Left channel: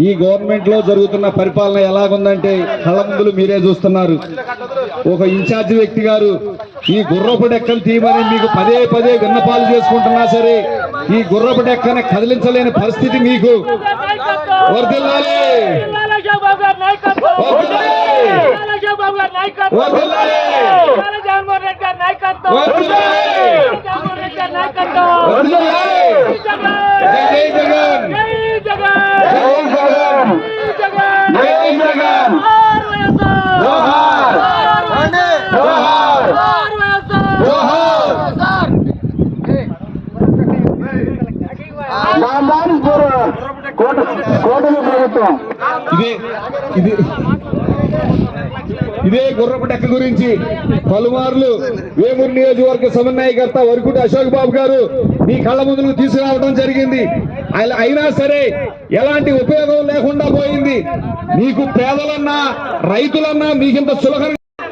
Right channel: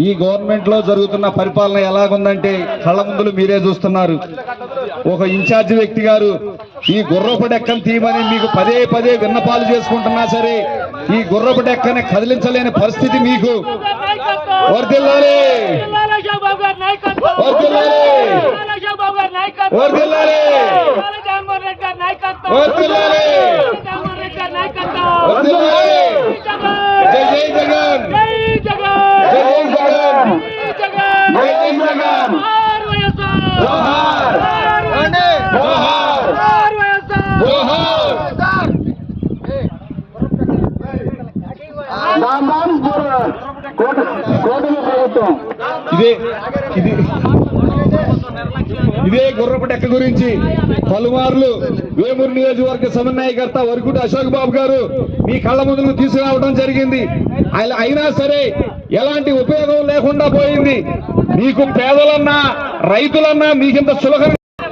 ఈ గవర్నమెంట్లో జరుగుతున్న పరిపాలన ఎలాగుందంటే కళ్ళ ముందులు మీరే చూస్తున్నారు. ఒక ఇన్ఛార్జ్ వ్యక్తి గారు ఈ గుర్రపు డెక్కను తీయమని మీకు పదే పదే విన్నపాలు చేసుకుంటున్నా సరే ఈ గుర్రపు డెక్కని కదిలించలేని పరిస్థితి మీకు. వర్దిల్లాలి వర్దిల్లాలి వర్దిల్లాలి వర్దిల్లాలి జై జగన్ జై జగన్ జై జగన్ జోహార్ జోహార్ జోహార్ ప్రభుత్వం. ఇదే ఇది ఇదే గురించి పలుమార్లు వేమూరు నియోజకవర్గ సమన్వయకర్త వరకుటి అశోక్ బాబు గారు మీ కళ్ళ ముందుకు తీసుకురావడం జరిగింది. అలా- అయినా సరే ఎలాంటి ఉపయోగం లేకుండా పోయింది. మీకు పేదలన్నా రైతులన్నా మీకింత సులభం